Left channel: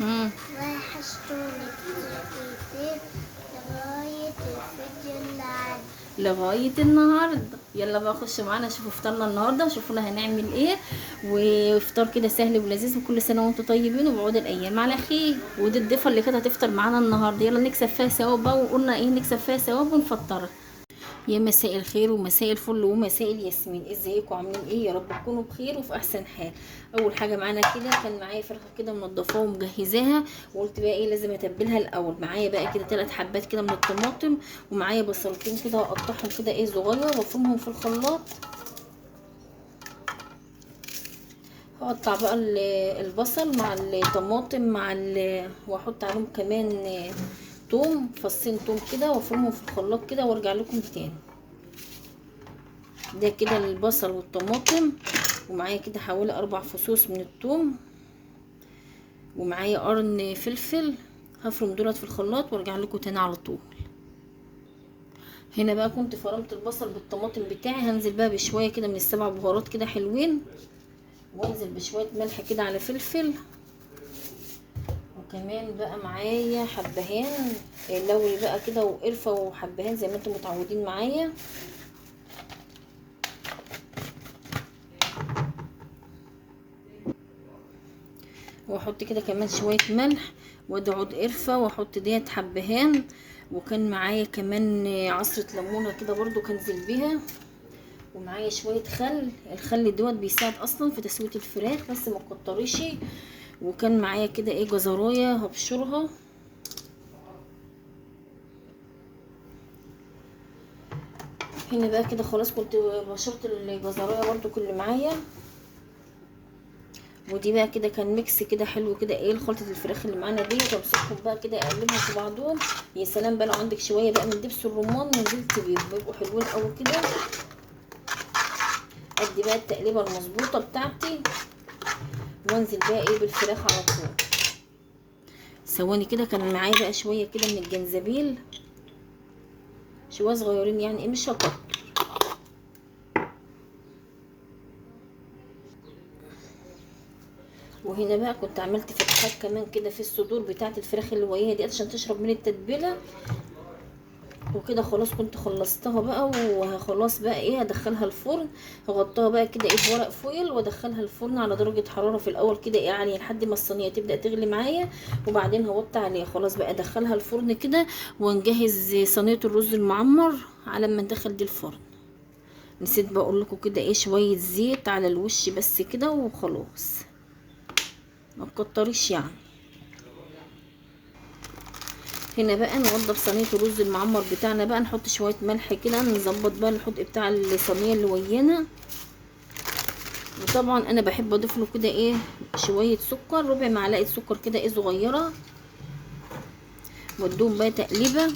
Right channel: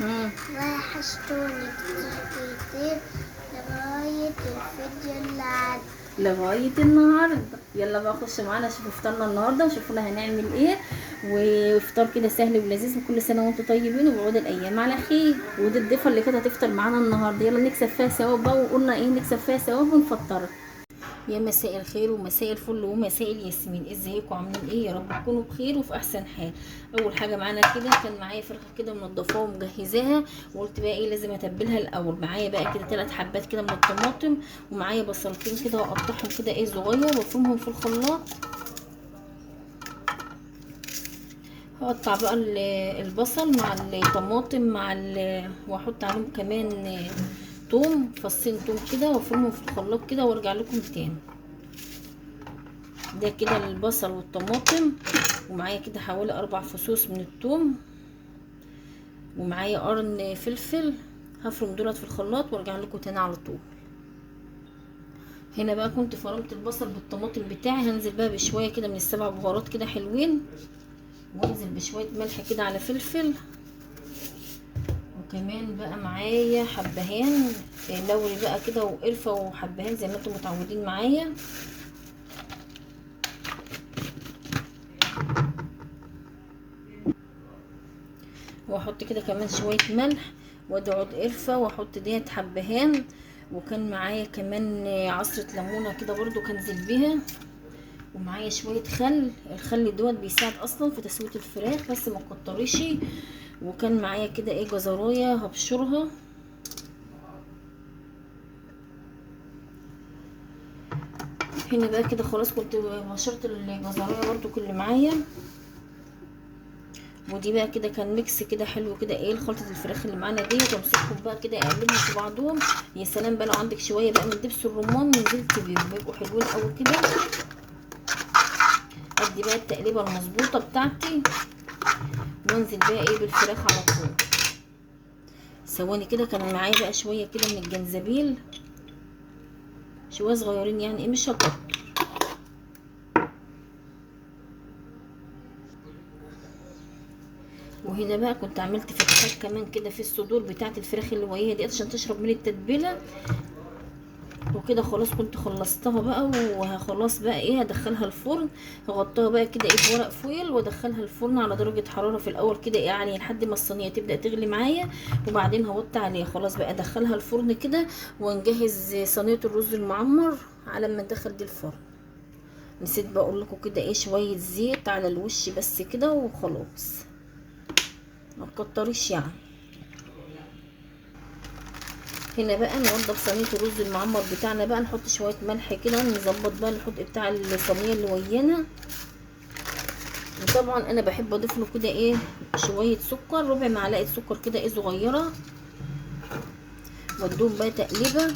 وحشتوني كتير كتير لغاية الفيديو اللي عاد. لغايه النهارده. يلا بقى خش معانا شوفوا فطارنا النهارده وشوفونا هنعمل ايه. وفطار كده سهل ولذيذ، وكل سنه وانتم طيبين وبعود الايام على خير. ودي الضيفه اللي كانت هتفطر معانا النهارده، يلا نكسب فيها ثواب بقى، وقلنا ايه نكسب فيها ثواب ونفطرها. يا مساء الخير ومساء الفل ومساء الياسمين، ازيكم عاملين ايه؟ يا رب تكونوا بخير وفي احسن حال. اول حاجه معانا كده كان معايا فرخه كده منضفاها ومجهزاها، وقلت بقى ايه لازم اتبلها الاول. معايا بقى كده 3 حبات كده من الطماطم، ومعايا بصلتين كده هقطعهم كده ايه صغير وافرمهم في الخلاط. هقطع بقى البصل مع الطماطم واحط عليهم كمان توم، فصين توم كده وافرمهم في الخلاط كده وارجع لكم تاني. ده كده البصل والطماطم، ومعايا كده حوالي 4 فصوص من الثوم، ومعايا قرن فلفل. هفرم دولت في الخلاط وارجع لكم تاني على طول. هنا بقى كنت فرمت البصل بالطماطم بتاعي، هنزل بقى بشويه كده من السبع بهارات كده حلوين، وانزل بشويه ملح كده على فلفل، وكمان بقى معايا حبهان لوري بقى كده وقرفه وحبهان زي ما انتم متعودين معايا. واحط كده كمان شويه ملح، وادي عود قرفه، واحط ديت حبهان، وكان معايا كمان عصره ليمونه كده برضو كنزل بيها، ومعايا شويه خل. الخل دوت بيساعد اصلا في تسويه الفراخ بس ما تكتريش. وكان معايا كده ايه جزرايه هبشرها. هنا بقى كده خلاص كنت بشرت الجزرايه برضو كل معايا. ودي بقى كده كان ميكس كده حلو كده ايه لخلطه الفراخ اللي معانا دي، وامسكهم بقى كده اقلبهم في بعضهم. يا سلام بقى لو عندك شويه بقى من دبس الرمان نزلت بيهم بيبقوا حلوين قوي كده. ادي بقى التقليبه المظبوطه بتاعتي، وانزل بقى ايه بالفراخ على طول. ثواني كده كان معايا بقى شويه كده من الجنزبيل، شويه صغيرين يعني ايه مش هكتر. وهنا بقى كنت عملت فتحات كمان كده في الصدور بتاعه الفراخ اللي وهي دي عشان تشرب من التتبيله. وكده خلاص كنت خلصتها بقى، وخلاص بقى ايه هدخلها الفرن. هغطيها بقى كده ايه بورق فويل وادخلها الفرن على درجه حراره في الاول كده يعني لحد ما الصينيه تبدا تغلي معايا، وبعدين هوطي عليها. خلاص بقى ادخلها الفرن كده ونجهز صينيه الرز المعمر على ما ندخل دي الفرن. نسيت بقى اقول لكم كده ايه شويه زيت على الوش بس كده وخلاص، ما تكتريش يعني. هنا بقى نوضب صينيه الرز المعمر بتاعنا بقى، نحط شويه ملح كده، نظبط بقى الحدق بتاع الصينيه اللي ويانا. وطبعا انا بحب اضيف له كده ايه شويه سكر، ربع معلقه سكر كده ايه صغيره، وادوم بقى تقليبه.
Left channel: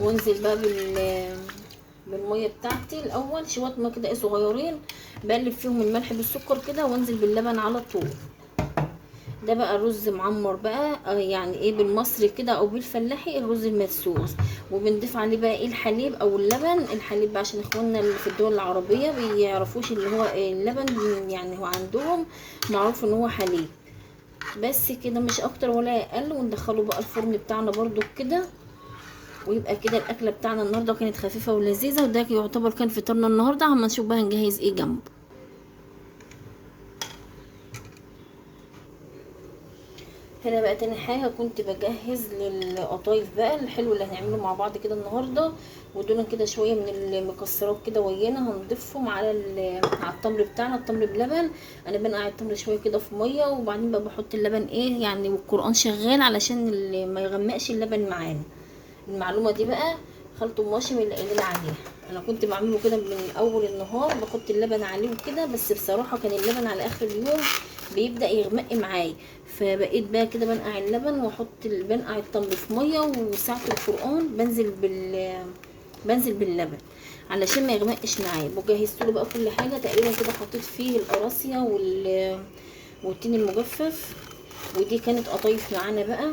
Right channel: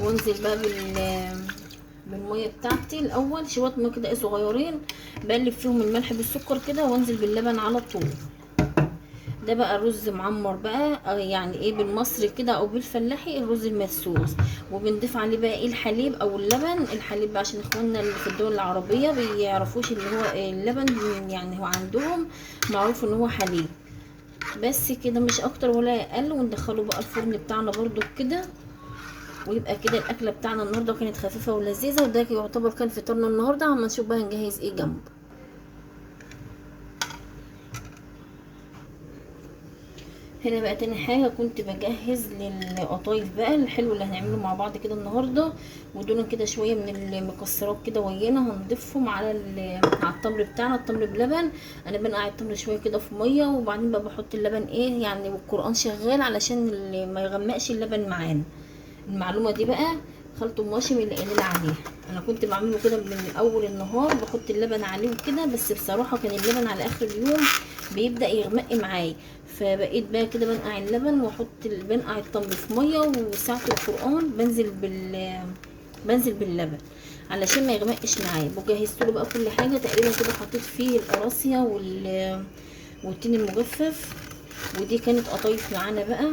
وانزل بقى بالميه بتاعتي الاول شويه ميه كده ايه صغيرين، بقلب فيهم الملح بالسكر كده، وانزل باللبن على طول. ده بقى الرز معمر بقى يعني ايه بالمصري كده او بالفلاحي الرز المدسوس. وبنضيف عليه بقى ايه الحليب او اللبن. الحليب بقى عشان اخواننا اللي في الدول العربيه بيعرفوش اللي هو اللبن، يعني هو عندهم معروف ان هو حليب بس كده مش اكتر ولا اقل. وندخله بقى الفرن بتاعنا برضو كده. ويبقى كده الاكله بتاعنا النهارده كانت خفيفه ولذيذه، وده يعتبر كان فطارنا النهارده. اما نشوف بقى هنجهز ايه جنبه. هنا بقى تاني حاجه كنت بجهز للقطايف بقى الحلو اللي هنعمله مع بعض كده النهارده. ودول كده شويه من المكسرات كده ويانا هنضيفهم على التمر بتاعنا، التمر بلبن. انا بنقع التمر شويه كده في ميه، وبعدين بقى بحط اللبن ايه يعني والقران شغال علشان ما يغمقش اللبن معانا. المعلومه دي بقى خالته ماشي من اللي قايلين عليها. انا كنت بعمله كده من اول النهار بحط اللبن عليه وكده، بس بصراحه كان اللبن على اخر اليوم بيبدا يغمق معايا. فبقيت بقى كده بنقع اللبن بنقع التمر في ميه، وساعه القران بنزل باللبن علشان ما يغمقش معايا. وجهزت له بقى كل حاجه تقريبا كده، حطيت فيه القراصيه والتين المجفف. ودي كانت قطايف معانا بقى.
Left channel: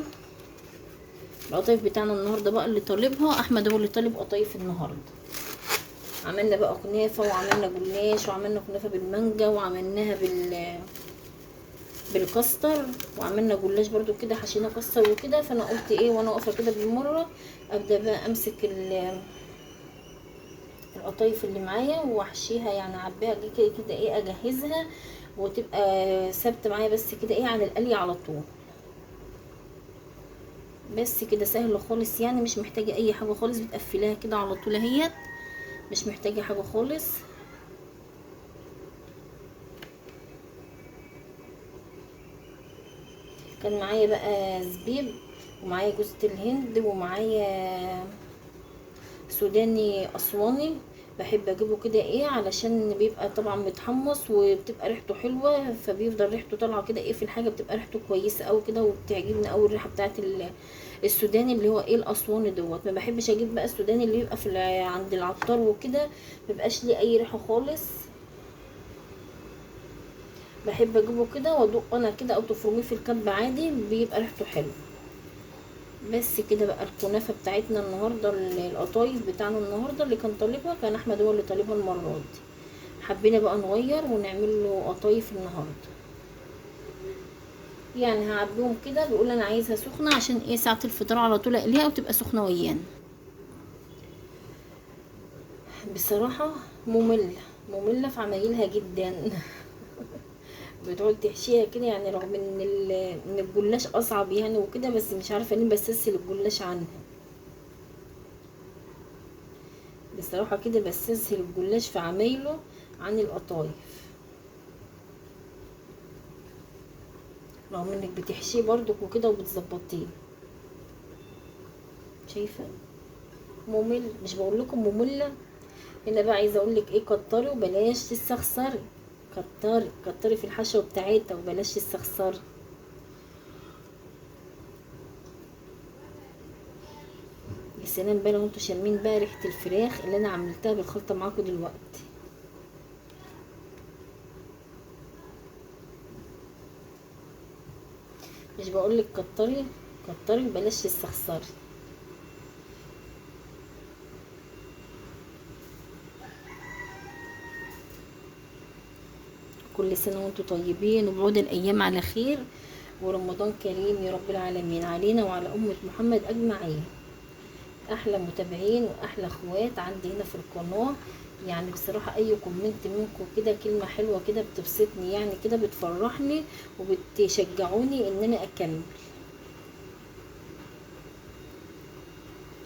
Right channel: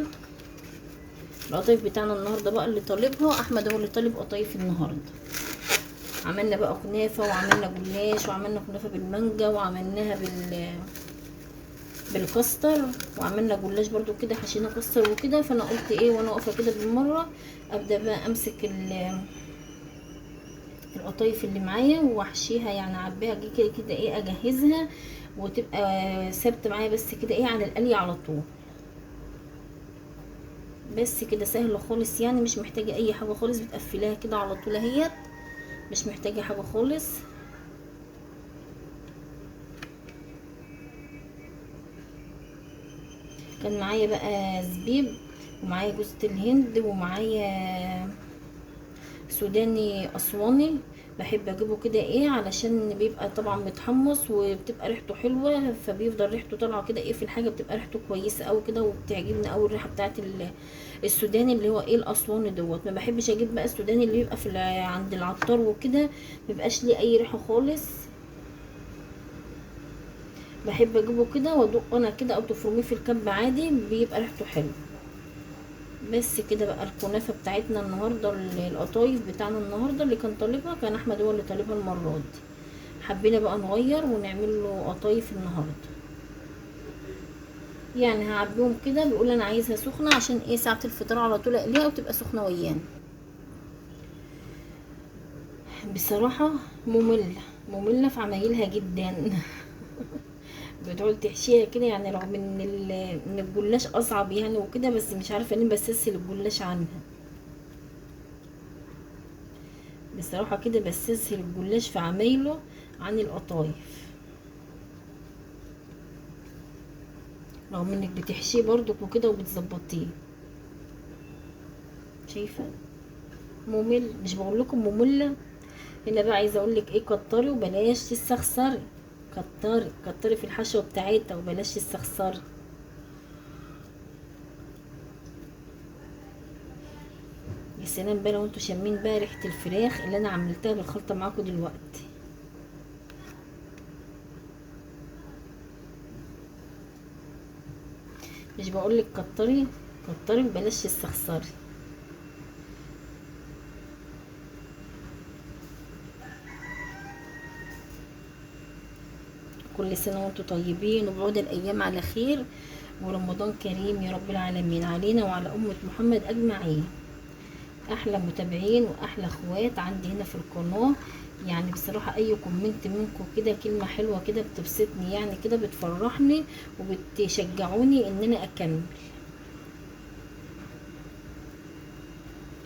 القطايف بتاعنا النهارده بقى اللي طالبها احمد، هو اللي طالب قطايف النهارده. عملنا بقى كنافه، وعملنا جلاش، وعملنا كنافه بالمانجا، وعملناها بالكاستر، وعملنا جلاش برضو كده حشينا كاستر وكده. فانا قلت ايه وانا واقفه كده بالمره ابدا بقى امسك القطايف اللي معايا واحشيها، يعني اعبيها كده كده ايه اجهزها وتبقى ثابته معايا بس كده ايه على القلي على طول. بس كده سهله خالص، يعني مش محتاجه اي حاجه خالص، بتقفليها كده على طول اهيت، مش محتاجه حاجه خالص. كان معايا بقى زبيب، ومعايا جوزة الهند، ومعايا سوداني اسواني. بحب اجيبه كده ايه علشان بيبقى طبعا متحمص وبتبقى ريحته حلوه، فبيفضل ريحته طالعه كده ايه في الحاجه، بتبقى ريحته كويسه قوي كده، وبتعجبني قوي الريحه بتاعه السوداني اللي هو ايه الاسواني دوت. ما بحبش اجيب بقى السوداني اللي بيبقى في عند العطار وكده، مبيبقاش ليه اي ريحه خالص. بحب اجيبه كده وادق انا كده، او تفرميه في الكب عادي بيبقى ريحته حلو. بس كده بقى الكنافه بتاعتنا النهارده، القطايف بتاعنا النهارده اللي كان طالبها، كان احمد هو اللي طالبها المره دي. حبينا بقى نغير ونعمل له قطايف النهارده. يعني هعبيهم كده، بيقول انا عايزها سخنه عشان ايه ساعه الفطار على طول اقليها وتبقى سخنه ويانا. بصراحه ممله في عمايلها جدا. بتقعد تحشيها كده، يعني رغم ان الجلاش اصعب يعني وكده، بس مش عارفه ليه بستسهل الجلاش عنها. بصراحه كده بستسهل الجلاش في عمايله عن القطايف، رغم انك بتحشيه برضك وكده وبتظبطيه. شايفه ممل، مش بقول لكم ممله. هنا بقى عايزه اقول لك ايه، كتري وبلاش تستخسري، كتري في الحشوه بتاعتها وبلاش تستخسري. يا سلام بقى لو انتوا شامين بقى ريحه الفراخ اللي انا عملتها بالخلطه معاكم دلوقتي. مش بقولك كتري وبلاش تستخسري. كل سنه وانتم طيبين، وبعود الايام على خير، ورمضان كريم يا رب العالمين علينا وعلى امه محمد اجمعين. احلى متابعين واحلى اخوات عندي هنا في القناه. يعني بصراحه اي كومنت منكم كده كلمه حلوه كده بتبسطني، يعني كده بتفرحني وبتشجعوني ان انا اكمل.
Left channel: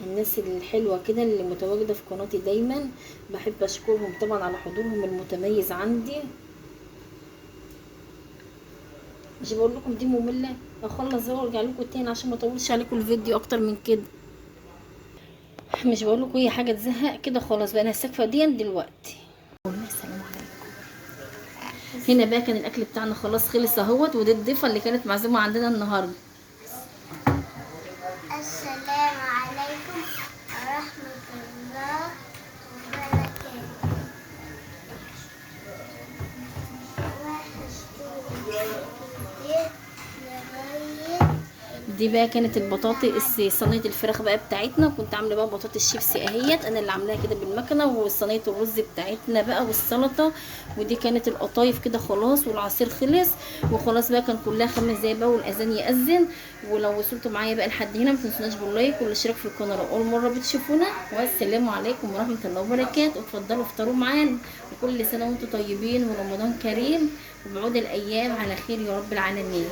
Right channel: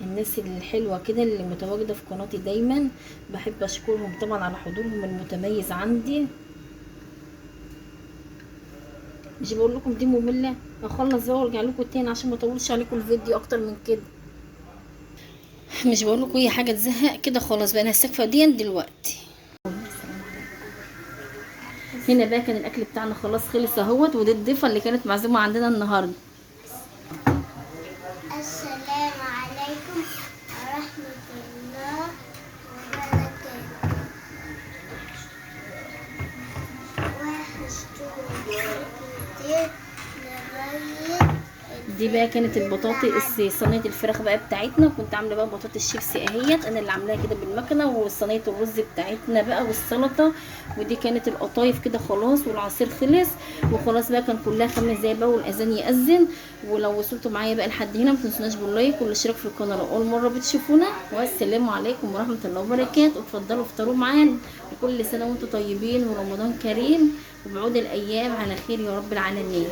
الناس الحلوه كده اللي متواجده في قناتي دايما بحب اشكرهم طبعا على حضورهم المتميز عندي. مش بقول لكم دي ممله، اخلص بقى وارجع لكم تاني عشان ما اطولش عليكم الفيديو اكتر من كده. مش بقول لكم هي حاجه تزهق كده، خلاص بقى انا هستكفى دي دلوقتي. هنا بقى كان الاكل بتاعنا خلاص خلص اهوت، ودي الضيفه اللي كانت معزومه عندنا النهارده. السلام عليكم ورحمة الله وبركاته. وحشتوني كتير لغاية. دي بقى كانت البطاطس، صينيه الفراخ بقى بتاعتنا، وكنت عامله بقى بطاطس شيبسي اهيت انا اللي عاملاها كده بالمكنه، وصينيه الرز بتاعتنا بقى والسلطه. ودي كانت القطايف كده خلاص، والعصير خلص وخلاص بقى. كان كلها 5 دقايق بقى والاذان ياذن. ولو وصلتوا معايا بقى لحد هنا ما تنسوناش باللايك والاشتراك في القناه لو اول مره بتشوفونا. والسلام عليكم ورحمه الله وبركاته. اتفضلوا افطروا معانا، وكل سنه وانتم طيبين ورمضان كريم، وبعود الايام على خير يا رب العالمين.